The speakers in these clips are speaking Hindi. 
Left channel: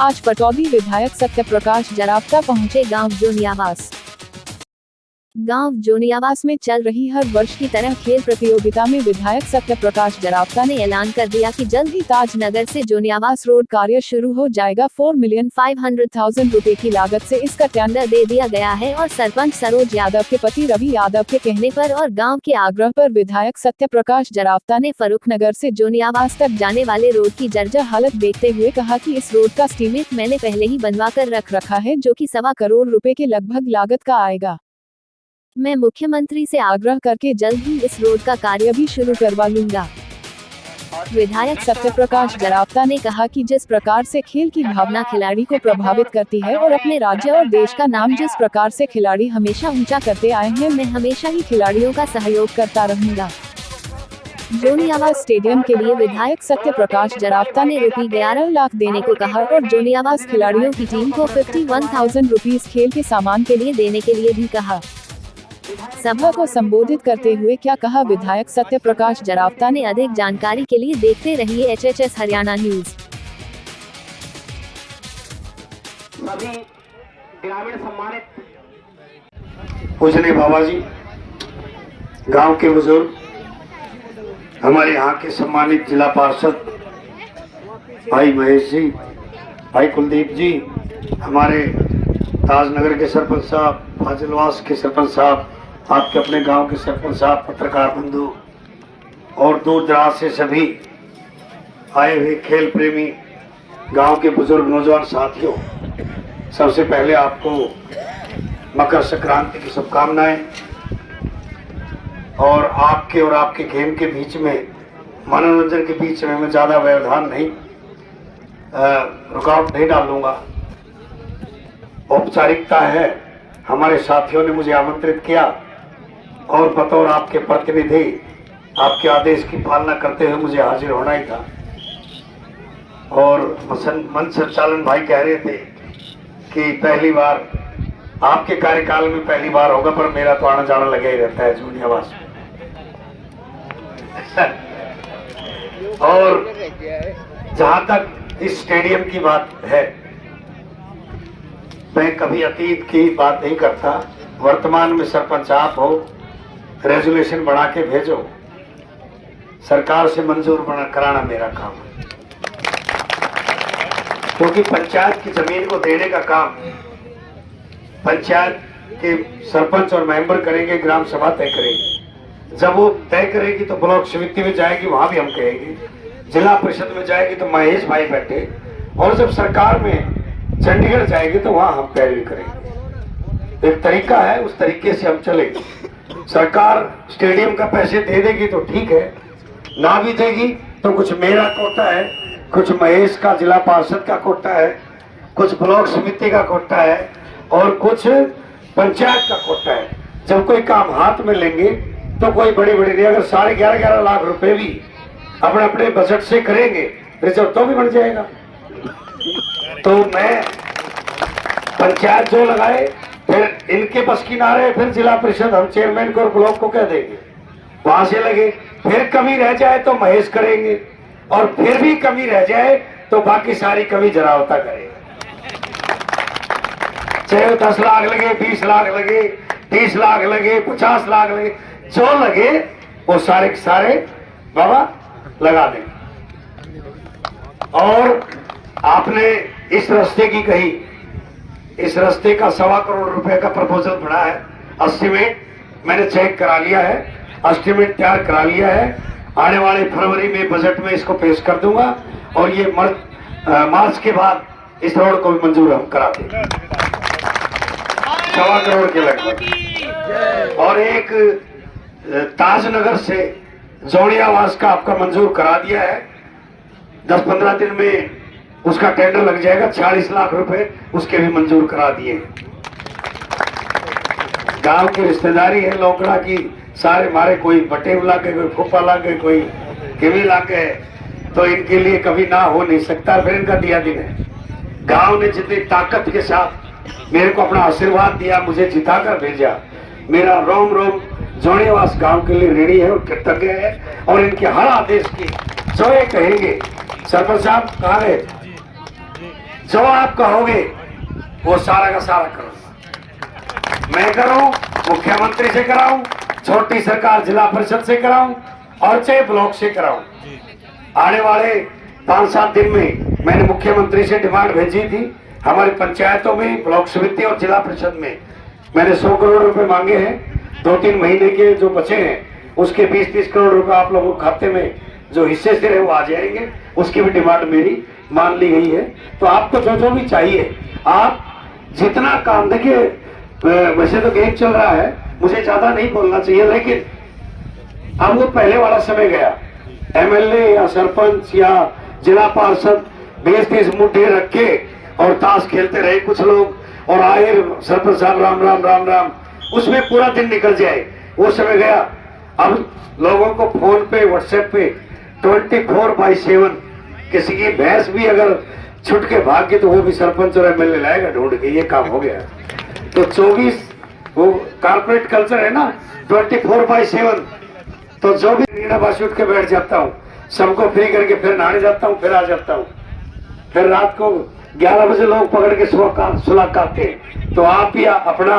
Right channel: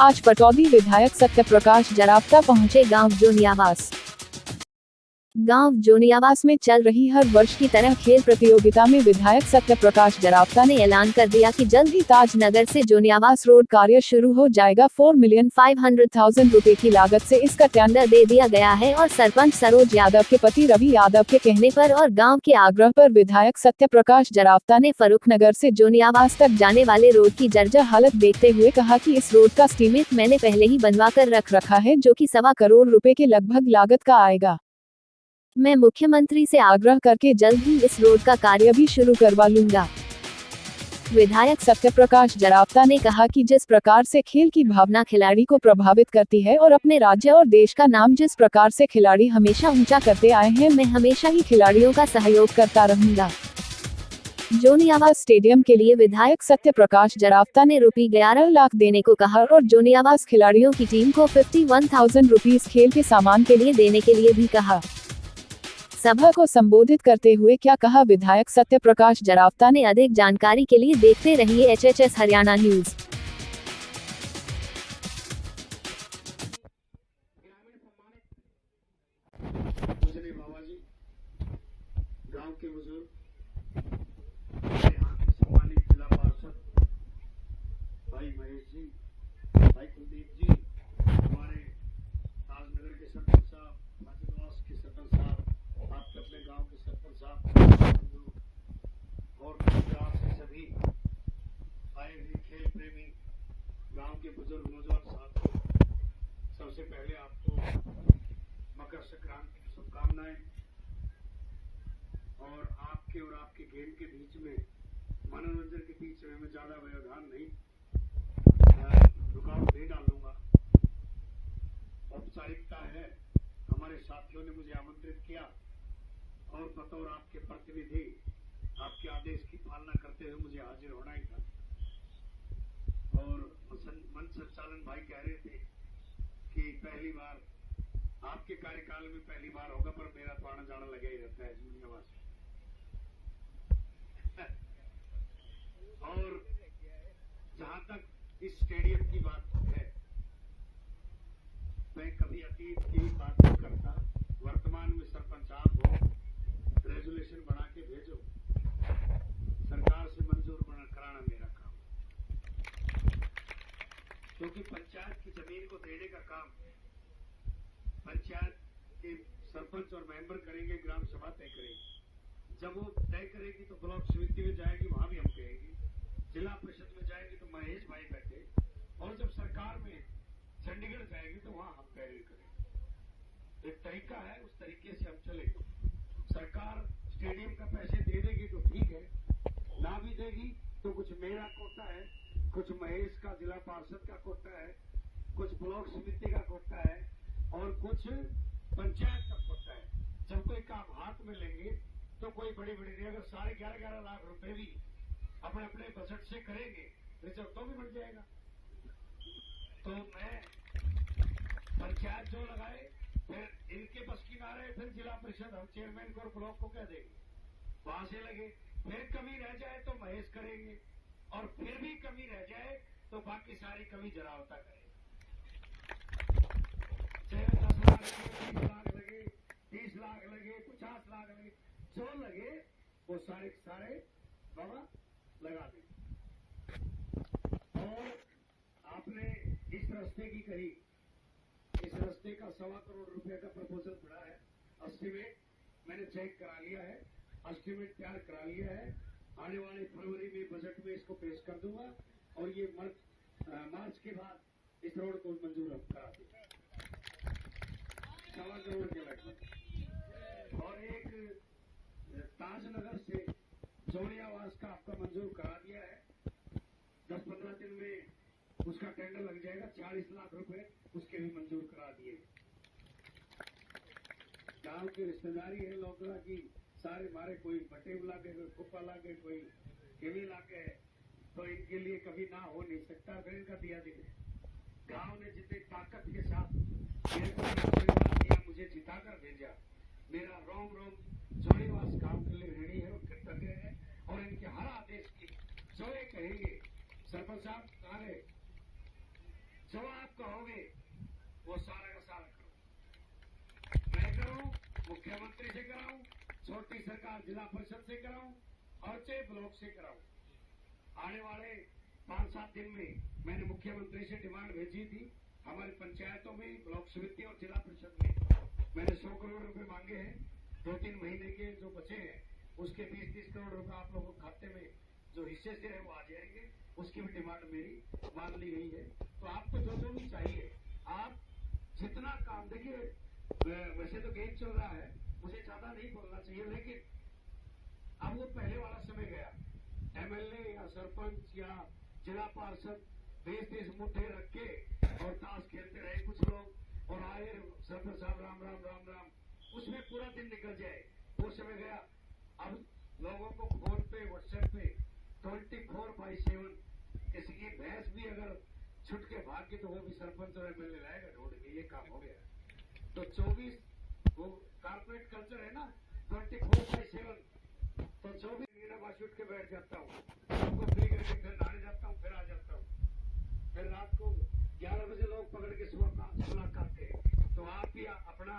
आज पटौदी विधायक सत्यप्रकाश जरावता पहुंचे गांव जोनियावास। गांव जोनियावास में चल रही हर वर्ष की तरह खेल प्रतियोगिता में विधायक सत्यप्रकाश जरावता ने ऐलान कर दिया कि जल्द ही ताजनगर से जोनियावास रोड कार्य शुरू हो जाएगा। 4,500,000 रुपए की लागत से इसका टेंडर दे दिया गया है और सरपंच सरोज यादव के पति रवि यादव के कहने पर और गाँव के आग्रह पर विधायक सत्यप्रकाश जरावता ने फर्रुखनगर से जोनियावास तक जाने वाले रोड की जर्जर हालत देखते हुए कहा कि इस रोड का एस्टीमेट मैंने पहले ही बनवा कर रख रखा है, जो कि 1.25 करोड़ रुपए के लगभग लागत का आएगा। मैं मुख्यमंत्री से आग्रह करके जल्द ही इस रोड का कार्य भी शुरू करवा लूंगा। विधायक सत्यप्रकाश जरावता ने कहा कि जिस प्रकार से खेल की भावना खिलाड़ी को प्रभावित करती है और अपने राज्य और देश का नाम जिस प्रकार से खिलाड़ी हमेशा ऊंचा करते आए हैं, मैं हमेशा ही खिलाड़ियों का सहयोग करता रहूंगा। जोनियावास स्टेडियम के लिए विधायक सत्यप्रकाश जरावता ने ₹11 लाख देने को कहा और जोनियावास खिलाड़ियों की टीम को 51,000 रुपीज खेल के सामान के लिए देने के लिए भी कहा। सभा को संबोधित करते हुए क्या कहा विधायक सत्यप्रकाश जरावता ने, अधिक जानकारी के लिए देखते रहिए HHS हरियाणा न्यूज। पूजनीय बाबा जी, गांव के बुजुर्ग, हमारे यहाँ के सम्मानित जिला पार्षद भाई महेश जी, भाई कुलदीप जी, हमारे ताजनगर के सरपंच साहब, फाजिलवास के सरपंच साहब, आपके अपने गांव के सरपंच साहब, पत्रकार बंधु और दूर दराज से सभी आए हुए खेल प्रेमी गांव के बुजुर्ग नौजवान साथियों, सबसे पहले आपको मकर संक्रांति की शुभकामनाएं। और आपके गेम के बीच में, मनोरंजन के बीच में मैं ज़्यादा व्यवधान नहीं, रुकावट नहीं डालूंगा। औपचारिकता है, हमारे साथियों ने मुझे आमंत्रित किया और बतौर आपके प्रतिनिधि आपके आदेश की पालना करते हुए मुझे हाजिर होना ही था। और मंच संचालन भाई कह रहे थे कि पहली बार आपके कार्यकाल में पहली बार होगा, पर मेरा तो आना जाना लगा ही रहता है जोनियावास में। और जहां तक इस स्टेडियम की बात है, मैं कभी अतीत की बात नहीं करता। वर्तमान में सरपंच आप हो, रेजोल्यूशन बना के भेजो, सरकार से मंजूर कराना मेरा काम है, क्योंकि पंचायत की जमीन को देने का काम पंचायत के सरपंच और मेंबर करेंगे, ग्राम सभा तय करेगी। जब वो तय करेगी तो ब्लॉक समिति में जाएगी, वहां भी हम कहेंगे, जिला परिषद में जाएगी तो महेश भाई बैठे, और जब सरकार में चंडीगढ़ जाएगी तो वहां हम पैरवी करेंगे। एक तरीका है, उस तरीके से हम चलेंगे। सरकार स्टेडियम का पैसे दे देगी तो ठीक है, ना भी देगी तो कुछ मेरा कोटा है, कुछ महेश का जिला पार्षद का कोटा है, कुछ ब्लॉक समिति का कोटा है और कुछ पंचायत का कोटा है। जब कोई काम हाथ में लेंगे तो कोई बड़ी नहीं, अगर 11.5 लाख रुपए भी अपने अपने बजट से करेंगे, रिजर्व तो भी बढ़ जाएगा। तो मैं पंचायत जो लगाए, फिर इनके बस की ना रहे, फिर जिला परिषद हम चेयरमैन को और ब्लॉक को कह देंगे, वहां से लगे। फिर कमी रह जाए तो महेश करेंगे, और फिर भी कमी रह जाए तो बाकी सारी कमी जरावता करेगा। चाहे 10 लाख लगे, 20 लाख लगे, 30 लाख लगे, 50 लाख लगे, जो लगे वो सारे के सारे बाबा लगा देंगे। और आपने इस रास्ते की कही, इस रास्ते का 1.25 करोड़ रुपए का प्रपोजल बना है। एस्टीमेट मैंने चेक करा लिया है, एस्टीमेट तैयार करा लिया है। आने वाले फरवरी में बजट में इसको पेश कर दूंगा और ये मार्च के बाद इस रोड को भी मंजूर हम करा देंगे, 1.25 करोड़ के लगभग। और एक ताजनगर से जोनियावास का आपका मंजूर करा दिया है, 10-15 दिन में उसका टेंडर लग जाएगा, 40 लाख रुपए उसके भी मंजूर करा दिए। गांव की रिश्तेदारी है लोकड़ा की, सारे मारे, कोई बटेव लागे, कोई फूफा लागे, कोई किवी लागे, तो इनके लिए कभी ना हो नहीं सकता। फिर इनका दिया दिन है। गांव ने जितनी ताकत के साथ मेरे को अपना आशीर्वाद दिया, मुझे जिताकर भेजा, मेरा रोम रोम जोनियावास गांव के लिए ऋणी है और कृतज्ञ है। और इनके हर आदेश की जो ये कहेंगे, सरपंच साहब कहाँ गए, जो आप कहोगे वो सारा का सारा करूंगा। मैं करूं, मुख्यमंत्री से कराऊं, छोटी सरकार जिला परिषद से कराऊं और चाहे ब्लॉक से कराऊं। आने वाले 5-7 दिन में मैंने मुख्यमंत्री से डिमांड भेजी थी। हमारी पंचायतों में, ब्लॉक समिति और जिला परिषद में मैंने 100 करोड़ रुपए मांगे हैं। 2-3 महीने के जो बचे हैं उसके 20-30 करोड़ रुपए आप लोगों के खाते में जो हिस्से से रहे वो आ जाएंगे। उसकी भी डिमांड मेरी मान ली गई है। तो आपको जो जो भी चाहिए आप जितना काम, देखिए वैसे तो गेम चल रहा है, मुझे ज्यादा नहीं बोलना चाहिए, लेकिन अब वो पहले वाला समय गया। एमएलए या सरपंच या जिला पार्षद 20-30 मुठ्ठे रख के और ताश खेलते रहे कुछ लोग, और आए सरपंच साहब राम राम राम राम, उसमें पूरा दिन निकल जाए, वो समय गया। अब लोगों को फोन पे, व्हाट्सएप पे 24/7 किसी की भैंस भी अगर छुट के भाग गई तो वो भी सरपंच और एमएलए लाएगा ढूंढ के, ये काम हो गया। तो 24 वो कारपोरेट कल्चर है ना, 24/7। तो जो भी रीनाबास उठ के बैठ जाता हूँ, सबको फ्री करके फिर नहाने जाता हूँ, फिर आ जाता हूँ। फिर रात को 11 बजे लोग पकड़ के सुला काटते हैं। तो आप भी अपना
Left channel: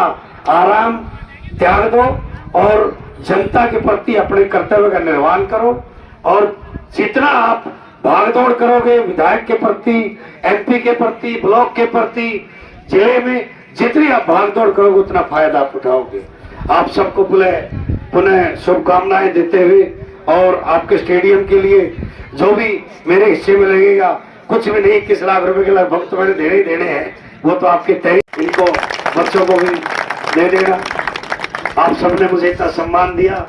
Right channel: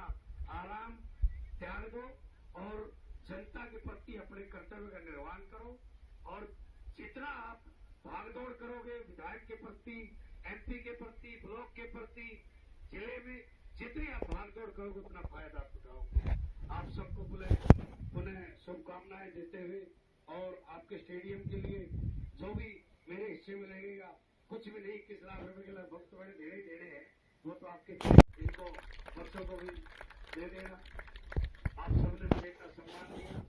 आराम त्याग दो और जनता के प्रति अपने कर्तव्य का निर्वहन करो। और जितना आप भागदौड़ करोगे विधायक के प्रति, एमपी के प्रति, ब्लॉक के प्रति, जिले में जितनी आप भागदौड़ करोगे उतना फायदा आप उठाओगे। आप सबको पुनः शुभकामनाएं देते हुए, और आपके स्टेडियम के लिए जो भी मेरे हिस्से में लगेगा, कुछ भी नहीं, 21 लाख रुपए के लगभग तो मैंने देने ही देने हैं, वो तो आपके तय, इनको बच्चों को भी दे देना। आप सबने मुझे इतना सम्मान दिया,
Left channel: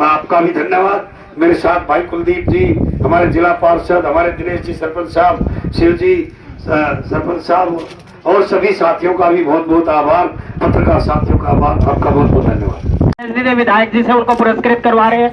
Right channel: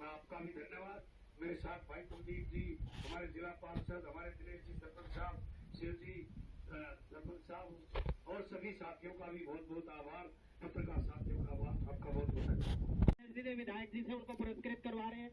मैं आपका भी धन्यवाद। मेरे साथ भाई कुलदीप जी, हमारे जिला पार्षद, हमारे दिनेश जी सरपंच साहब, शिव जी सरपंच साहब, और सभी साथियों का भी बहुत बहुत आभार, पत्रकार साथियों का आभार, आपका बहुत बहुत धन्यवाद। विधायक जी से उनको पुरस्कृत करवा रहे हैं।